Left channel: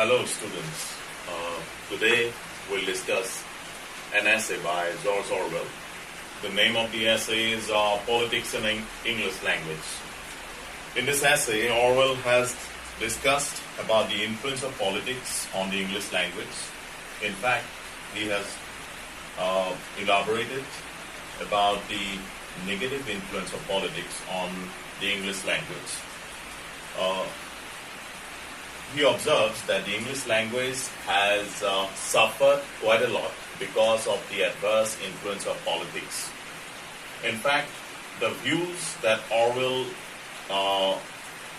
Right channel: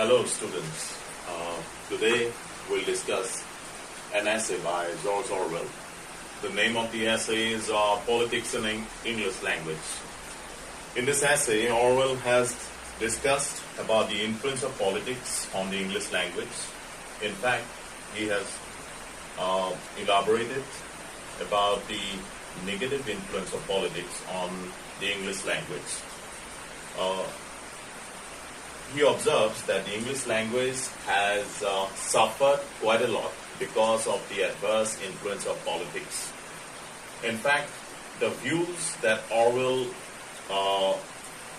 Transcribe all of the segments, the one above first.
Hello students, today we'll discuss an essay by George Orwell. The name of the essay is Politics in English Language. In this essay, Orwell has discussed about the influence of politics on the English language. In fact, he has elaborated about the negative influence of politics on the English language. He observes that the English language has suffered quite a lot because of the adverse influence of politics. In fact, the views that Orwell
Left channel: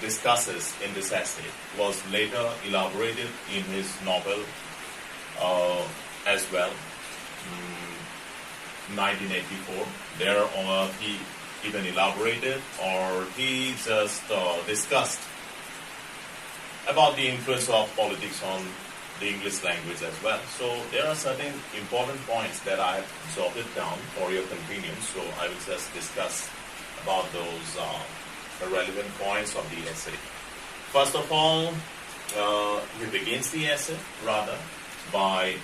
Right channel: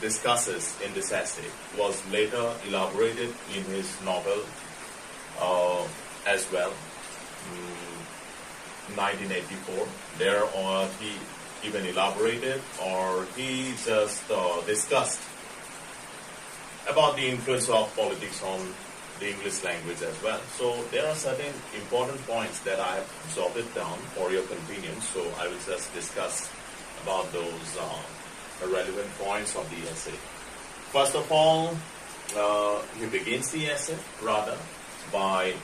discusses in this essay was later elaborated in his novel as well, 1984. There he even elaborated or he just discussed about the influence of politics on the English language as well. So there are certain important points that I have jotted down for your convenience. So I will just discuss about those relevant points of the essay. First of all, he begins the essay by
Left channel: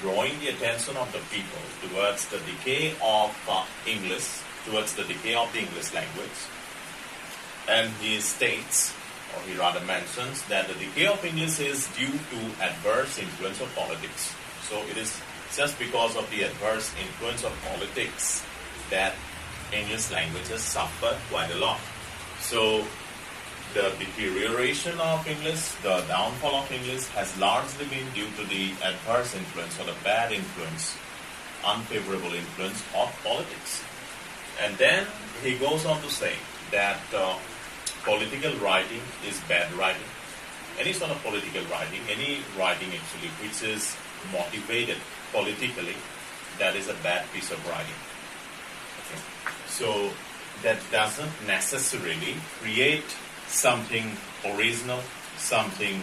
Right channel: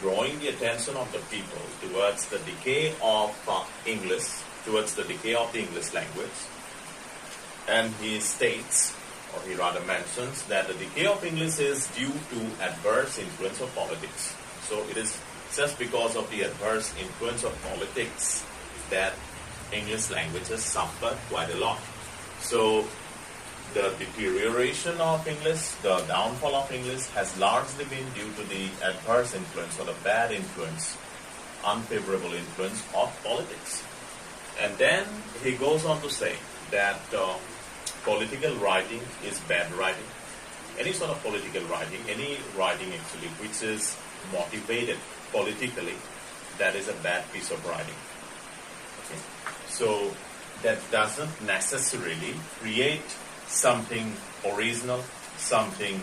drawing the attention of the people towards the decay of English, towards the decay of the English language. And he states, or he rather mentions, that the decay of English is due to adverse influence of politics. So it is just because of the adverse influence of politics that English language has suffered quite a lot. So the deterioration of English, the downfall of English has largely been due to the adverse influence or the bad influence, unfavorable influence of politics. And then he goes on to say that political writing is bad writing. Any sort of political writing, any writing actually which is motivated politically, that is a bad piece of writing. Okay. So that doesn't necessarily create something original, something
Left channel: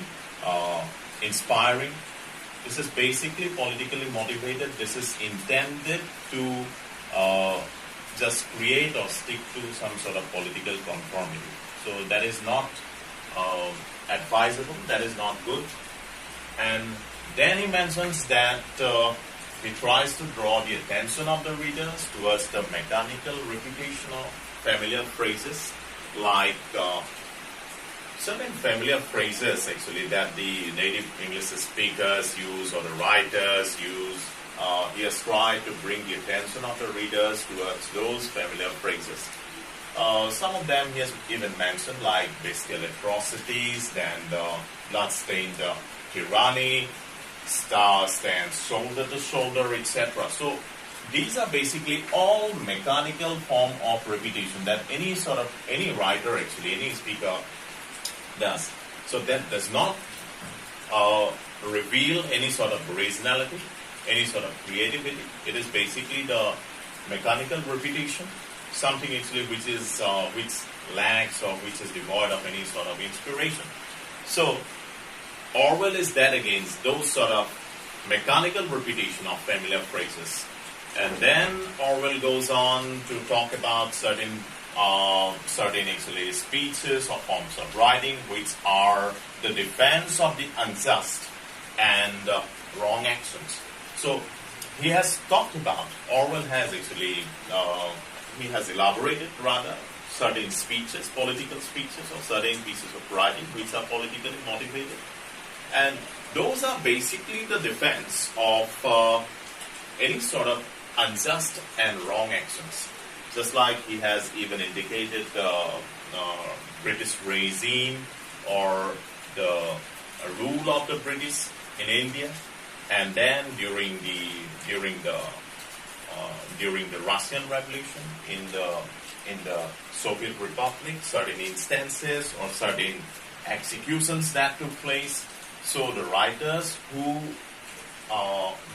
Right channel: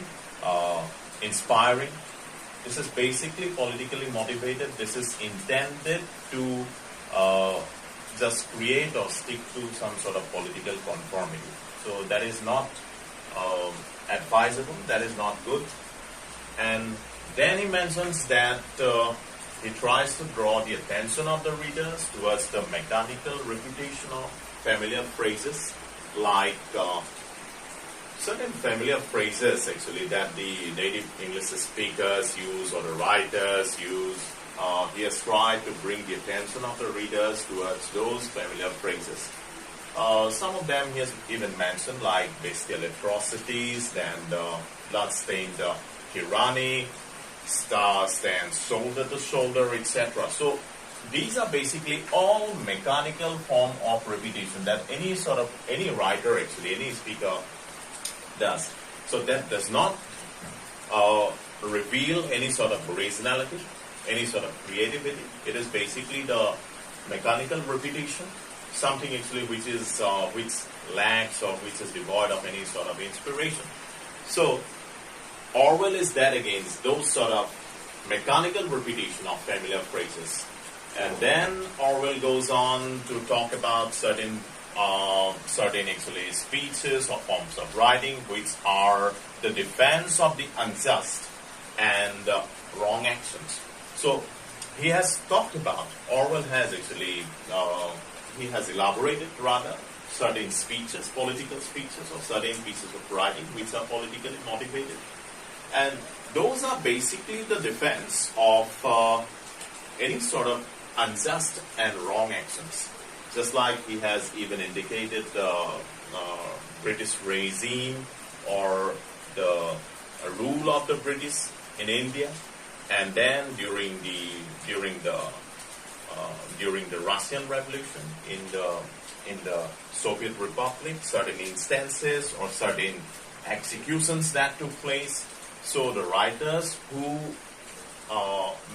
inspiring. This is basically politically motivated. This is intended to just create or stick to some sort of political conformity. So that is not advisable, that is not good. And then he mentions that he tries to draw the attention of the readers towards the mechanical repetition of familiar phrases, like certain familiar phrases actually that the native English speakers use or the writers use. He has tried to bring the attention of the readers towards those familiar phrases. Some of them he has even mentioned, like bestial atrocities, then blood-stained tyranny, star stands shoulder to shoulder, etc. So these are basically all mechanical form of repetition that any writer actually, any speaker does. So that does not reveal any sort of originality, any sort of creativity. It is basically the mechanical repetition, something actually which is which lacks or which is devoid of any sort of inspiration. So Orwell is dead against those sort of mechanical repetition of familiar phrases. And then Orwell goes on to talk about certain actually speeches or forms of writing which are the defense of the unjust and wrong actions. So he has talked about, Orwell has actually he has elaborated certain speeches, political speeches, or certain pieces of writing which are politically motivated. And those are basically the defense of any sort of unjust and wrong actions. Just like he has even indicated the British regime or the rule of the British in India, and then during the Russian Revolution in the Soviet Republic, certain instances or certain executions that took place. So the writers who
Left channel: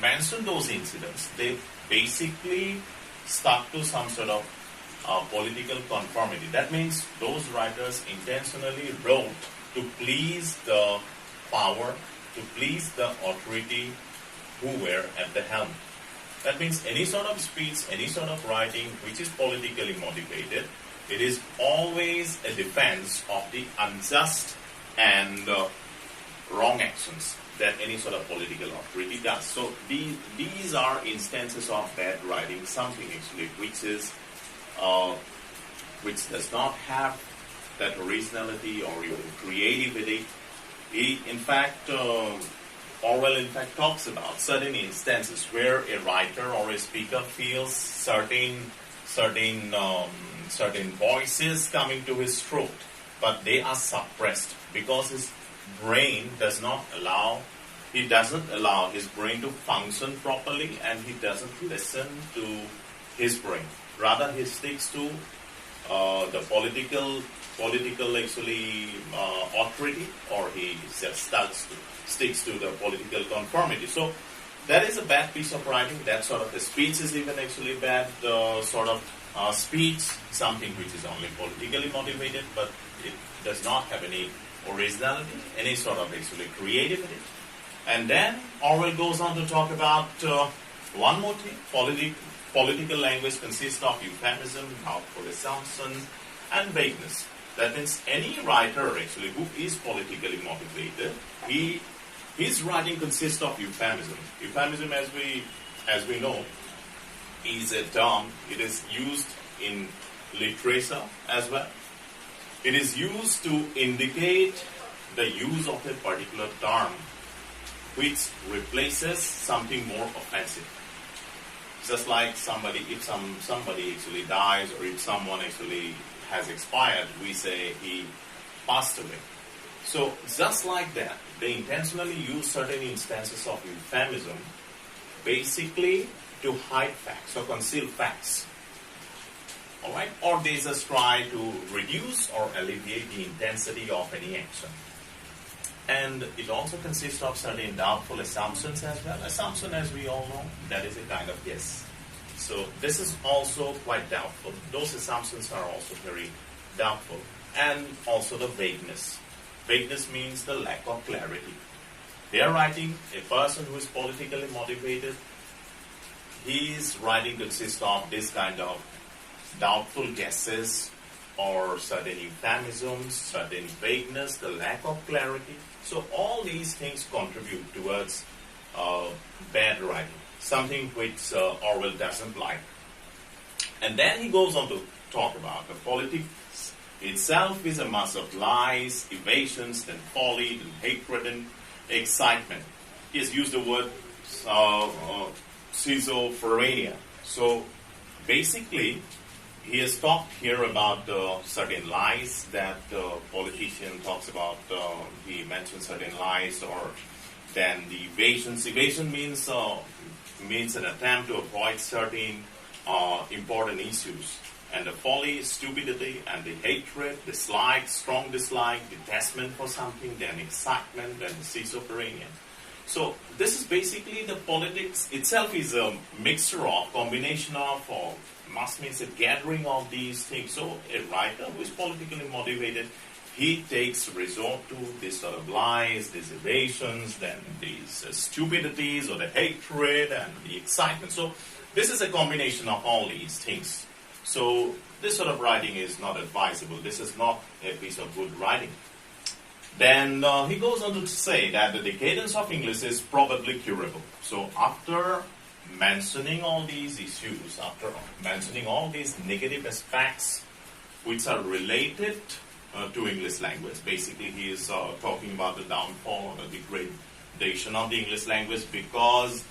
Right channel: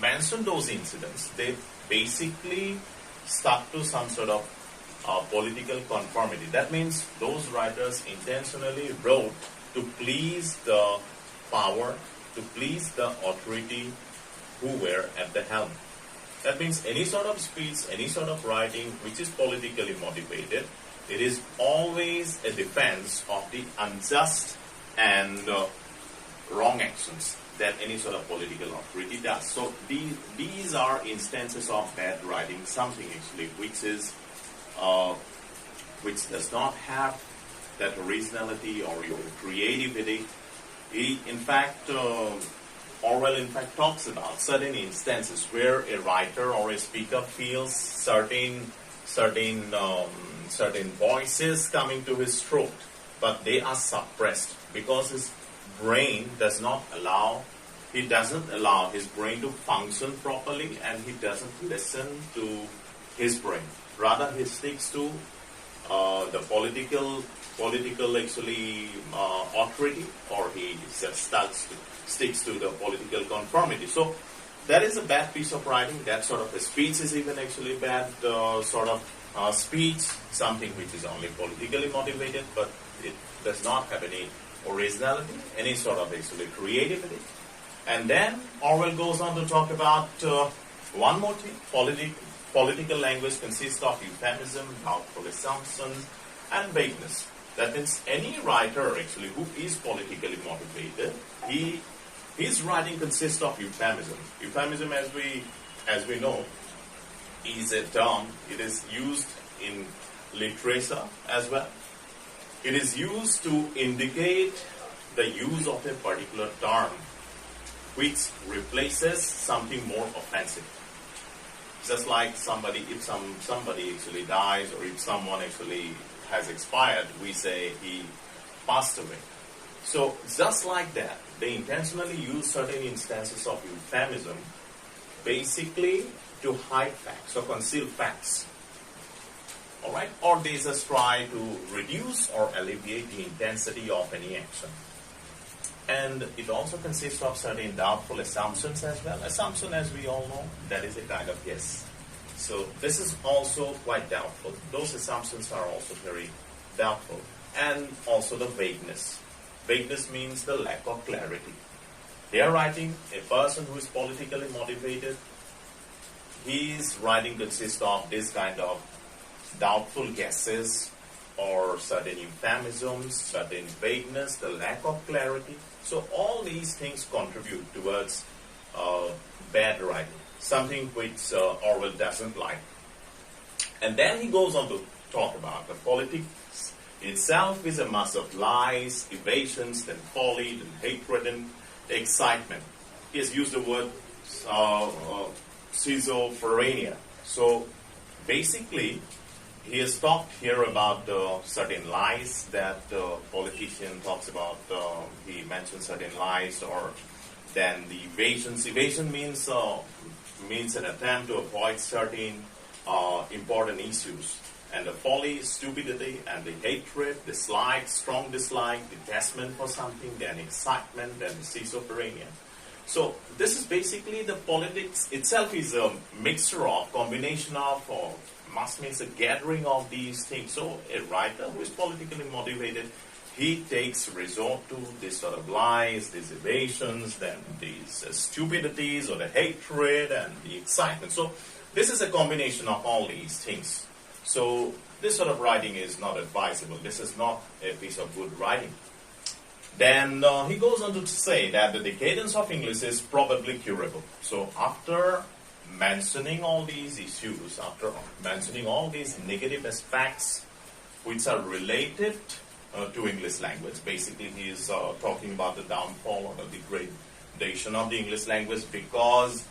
mentioned those incidents, they basically stuck to some sort of political conformity. That means those writers intentionally wrote to please the power, to please the authority who were at the helm. That means any sort of speech, any sort of writing which is politically motivated, it is always a defense of the unjust and wrong actions that any sort of political authority does. So these are instances of bad writing, something actually which does not have that originality or even creativity. In fact, Orwell in fact talks about certain instances where a writer or a speaker feels certain voices coming to his throat, but they are suppressed because his brain does not allow. He doesn't allow his brain to function properly, and he doesn't listen to his brain. Rather, he sticks to the political actually authority, or he just sticks to the political conformity. So that is a bad piece of writing. That sort of a speech is even actually bad sort of speech, something which is only politically motivated, but it does not have any originality, any sort of actually creativity. And then Orwell goes on to talk about one more thing. Political language consists of euphemism, doubtful assumptions, and vagueness. That means any writer actually who is politically motivated, his writing consists of euphemism. Euphemism, as we know, is a term. It is used in literature as well. It is used to indicate the use of a particular term which replaces something more offensive. Just like if somebody actually dies, or if someone actually has expired, we say he passed away. So just like that, they intentionally use certain instances of euphemism basically to hide facts or conceal facts. Alright? Or they just try to reduce or alleviate the intensity of any action. And it also consists of certain doubtful assumptions as well. Assumption, as we all know, that is a kind of guess. So this is also quite doubtful. Those assumptions are also very doubtful. And also the vagueness. Vagueness means the lack of clarity. They are writing, a person who is politically motivated, his writing consists of this kind of doubtful guesses, or certain euphemisms, certain vagueness, the lack of clarity. So all these things contribute towards bad writing, something which Orwell doesn't like. And then he goes on to talk about the politics itself is a mass of lies, evasions, then folly, then hatred, and excitement. He has used the word schizophrenia. So basically, he has talked here about certain lies that the politician talks about. He mentioned certain lies, or then the evasions. Evasion means an attempt to avoid certain important issues. And the folly, stupidity, and the hatred, dislike, strong dislike, detachment for something, then excitement, then schizophrenia. So this is basically the politics itself is a mixture of, combination of, or must means a gathering of these things. So a writer who is politically motivated, he takes resort to this sort of lies, these evasions, then these stupidities, or the hatred and the excitement. So this is a combination of all these things. So this sort of writing is not advisable. This is not a piece of good writing. Then he goes on to say that the decadence of English is probably curable. So after mentioning all these issues, after mentioning all these negative aspects which are related to English language, basically he is talking about the downfall or the degradation of the English language because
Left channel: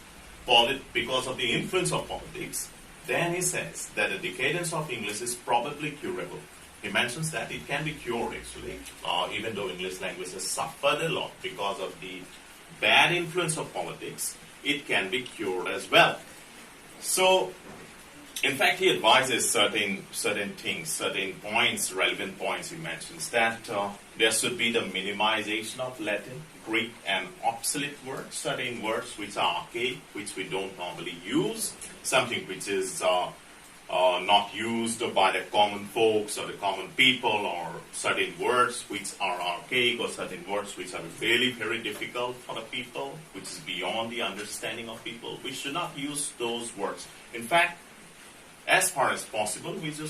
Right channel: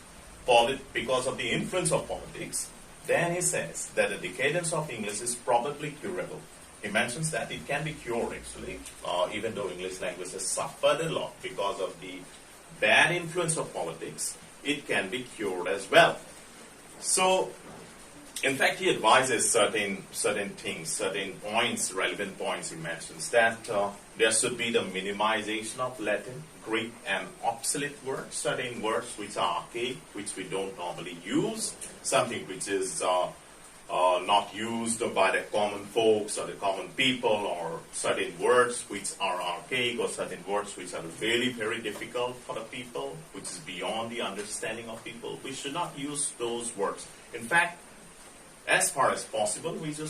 of the influence of politics. Then he says that the decadence of English is probably curable. He mentions that it can be cured actually, even though English language has suffered a lot because of the bad influence of politics, it can be cured as well. So, in fact, he advises certain things, certain points, relevant points. He mentions that there should be the minimization of Latin, Greek, and obsolete words, certain words which are archaic, which we don't normally use, something which is not used by the common folks or the common people, or certain words which are archaic, or certain words which are really very difficult for the people, which is beyond the understanding of people. We should not use those words. In fact, as far as possible, we should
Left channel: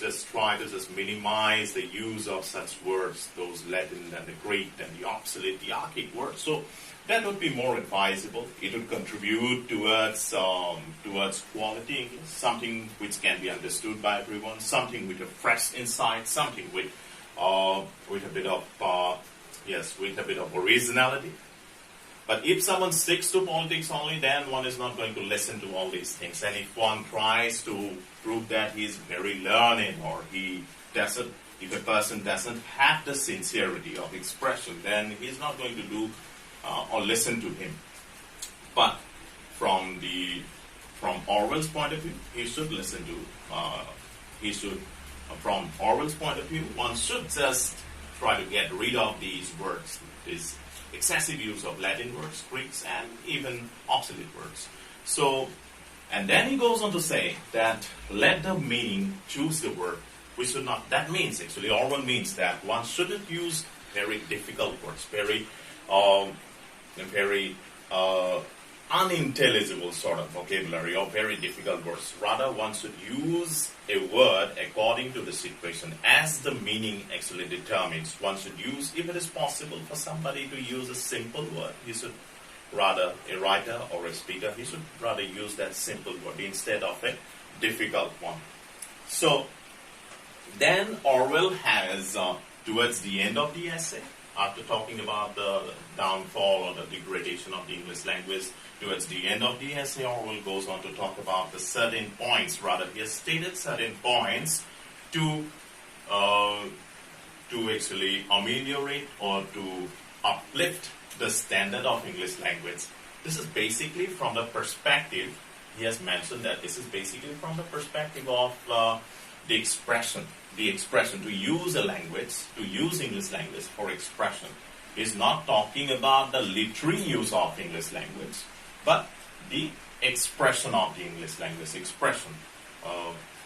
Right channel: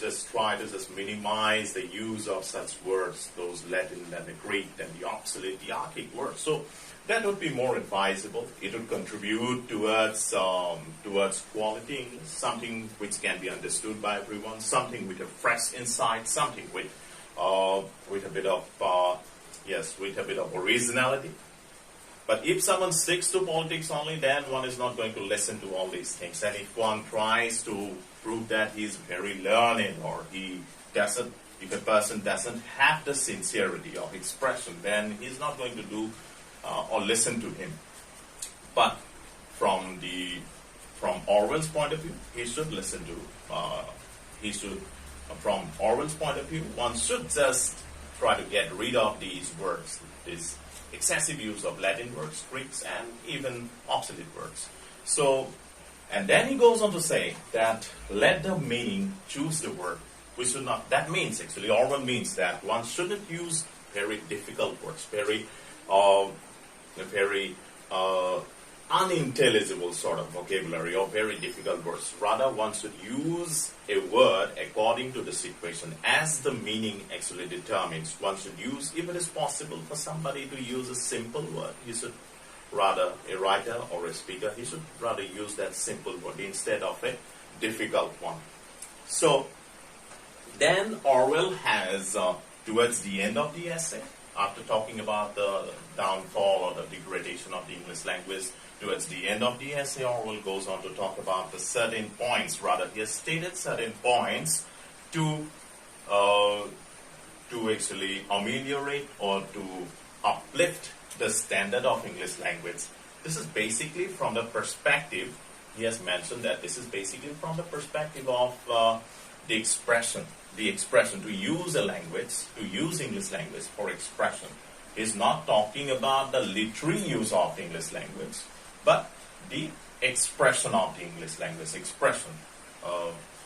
just try to just minimize the use of such words, those Latin and the Greek and the obsolete, the archaic words. So that would be more advisable. It would contribute towards quality English, something which can be understood by everyone, something with a fresh insight, something with a bit of with a bit of originality. But if someone sticks to politics only, then one is not going to listen to all these things. And if one tries to prove that he is very learned, or if a person doesn't have the sincerity of expression, then he's not going to do or listen to him. But from Orwell's point of view, he should listen to. From Orwell's point of view, one should just try to get rid of these words, this excessive use of Latin words, Greeks, and even obsolete words. So, and then he goes on to say that let the meaning choose the word. We should not. That means actually Orwell means that one shouldn't use very difficult words, very unintelligible sort of vocabulary or very difficult words. Rather, one should use a word according to the situation as the meaning actually determines. One should use, if it is possible for somebody to use a simple word, he should rather, a writer or a speaker, he should rather use that simple word instead of a difficult one. So, then Orwell has, towards the end of the essay, after talking about the downfall or the degradation of the English language, towards the end of the essay, Orwell goes on to talk about the certain points, rather he has stated certain points to actually ameliorate or to uplift the standard of English language. This is basically from the perspective, he has mentioned that this is basically from the perspective of the expression, to use a language, to use English language for expression. He's not talking about the literary use of English language, but the expression of the English language, expression.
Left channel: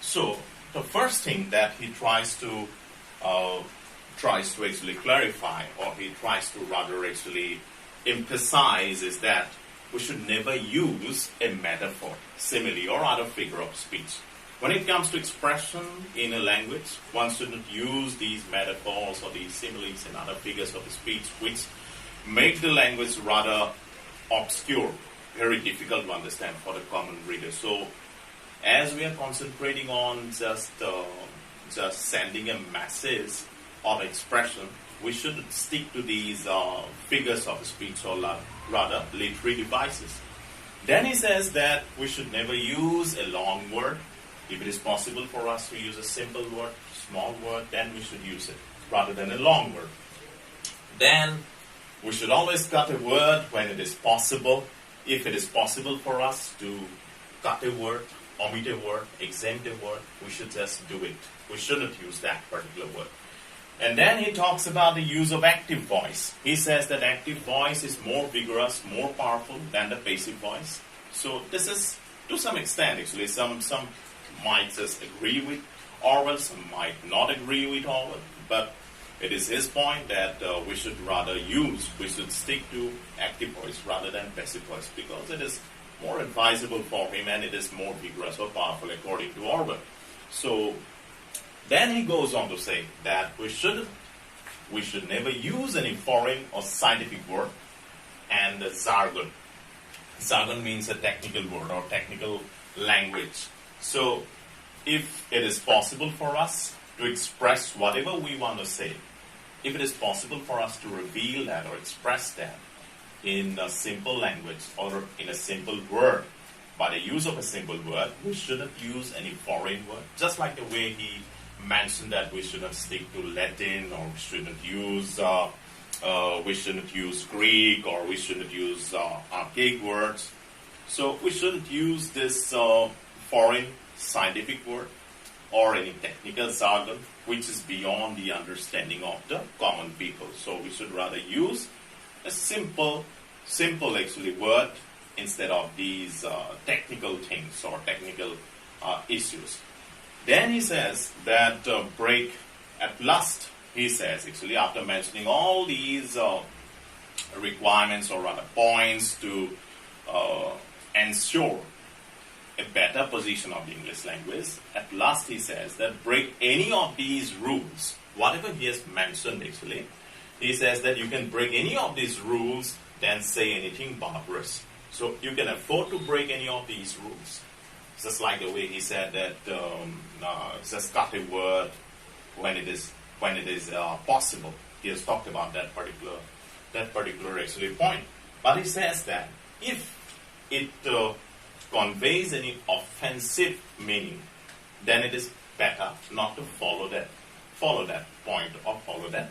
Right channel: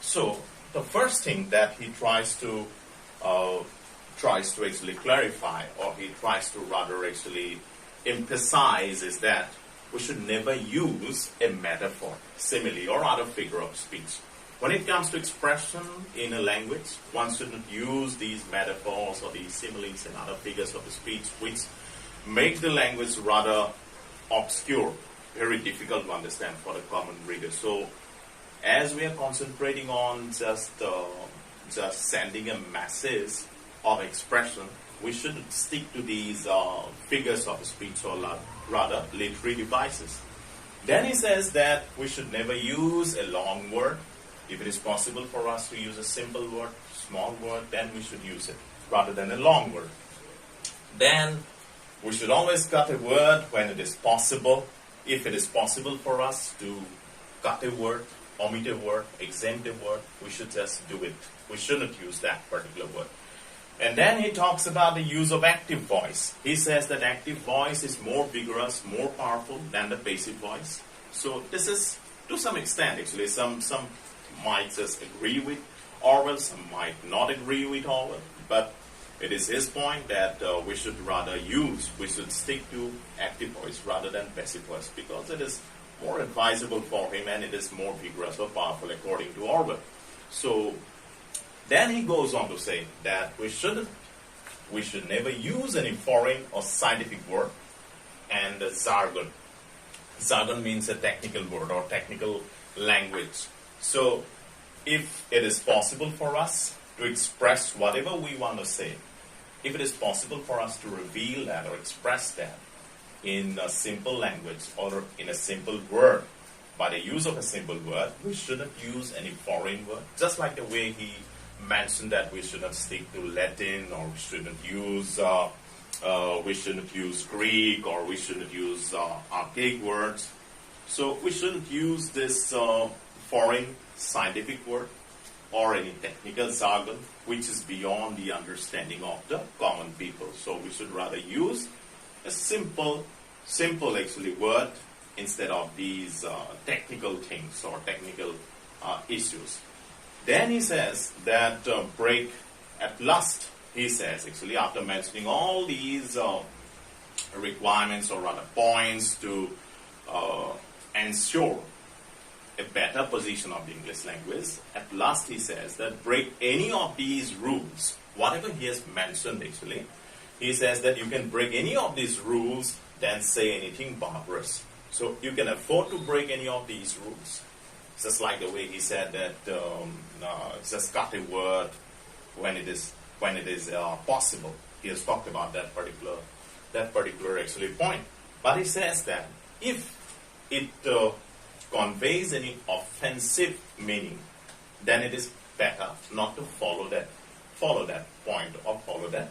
So the first thing that he tries to actually clarify, or he tries to rather actually emphasize, is that we should never use a metaphor, simile, or other figure of speech. When it comes to expression in a language, one shouldn't use these metaphors or these similes and other figures of speech which make the language rather obscure, very difficult to understand for the common reader. So, as we are concentrating on just sending a message of expression, we should stick to these figures of speech, or rather literary devices. Then he says that we should never use a long word. If it is possible for us to use a simple word, small word, then we should use it rather than a long word. Then we should always cut a word when it is possible. If it is possible for us to cut a word, omit a word, exempt a word, we should just do it. We shouldn't use that particular word. And then he talks about the use of active voice. He says that active voice is more vigorous, more powerful than the passive voice. So this is, to some extent actually, some might just agree with Orwell, some might not agree with Orwell, but it is his point that we should stick to active voice rather than passive voice, because it is more advisable for him and it is more vigorous or powerful according to Orwell. So then he goes on to say that we should never use any foreign or scientific word and jargon. Jargon means a technical word or technical language. So, if it is possible for us to express whatever we want to say, if it is possible for us to reveal that or express that in a simple language or in a simple word, by the use of a simple word, we shouldn't use any foreign word. Just like the way he mentioned that we shouldn't stick to Latin, or we shouldn't use Greek, or we shouldn't use archaic words. So we shouldn't use this foreign scientific word or any technical jargon which is beyond the understanding of the common people. So we should rather use a simple actually word instead of these technical things or technical issues. Then he says that break at last, he says actually, after mentioning all these requirements or rather points to ensure a better position of the English language. At last he says that break any of these rules, whatever he has mentioned actually, he says that you can break any of these rules, then say anything barbarous. So you can afford to break any of these rules. Just like the way he said that just cut a word when it is possible. He has talked about that particular actually point. But he says that if it conveys any offensive meaning, then it is better not to follow that point or follow that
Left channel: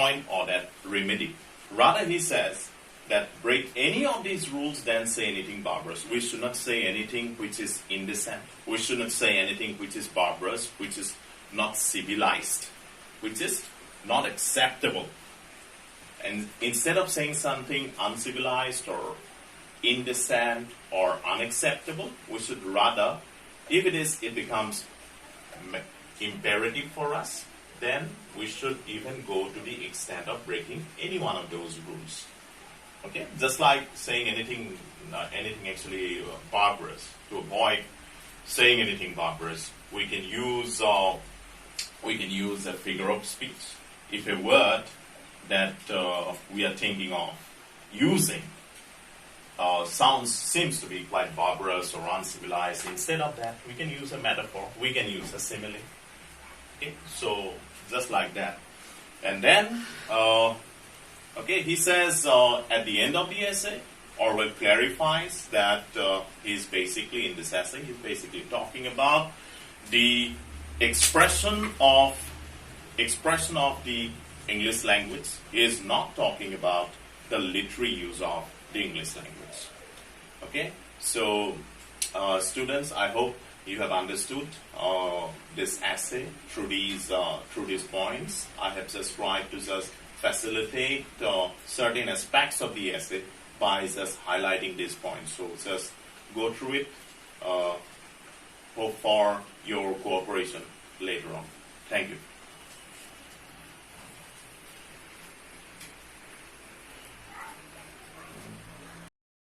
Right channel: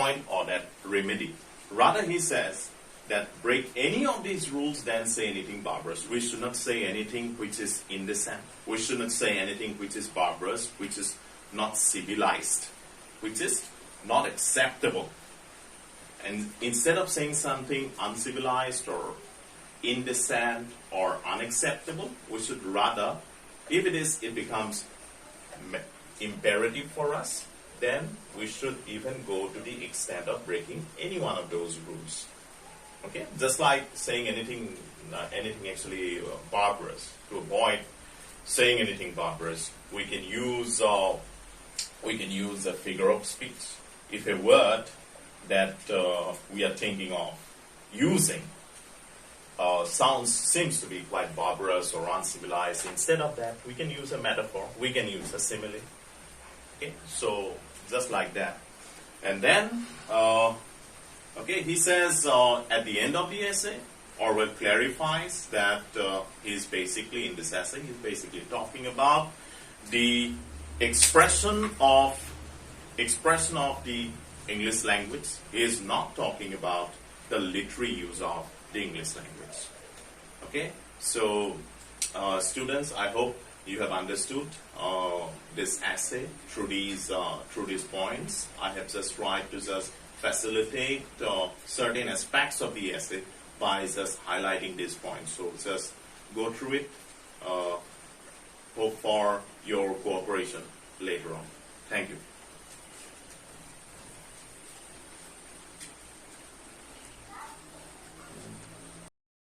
point or that remedy. Rather, he says that break any of these rules, then say anything barbarous. We should not say anything which is indecent. We should not say anything which is barbarous, which is not civilized, which is not acceptable. And instead of saying something uncivilized or indecent or unacceptable, we should rather, if it becomes imperative for us, then we should even go to the extent of breaking any one of those rules. Okay, just like saying anything actually barbarous. To avoid saying anything barbarous, we can use a figure of speech. If a word that we are thinking of using seems to be quite barbarous or uncivilized, instead of that, we can use a metaphor. We can use a simile. Okay, so just like that, and then. Okay, he says at the end of the essay, Orwell clarifies that he's basically, in this essay, he's basically talking about the expression of the English language. He is not talking about the literary use of the English language. Okay, so students, I hope you have understood this essay through these points. I have just tried to just facilitate certain aspects of the essay by just highlighting these points. So just go through it. Hope for your cooperation later on. Thank you.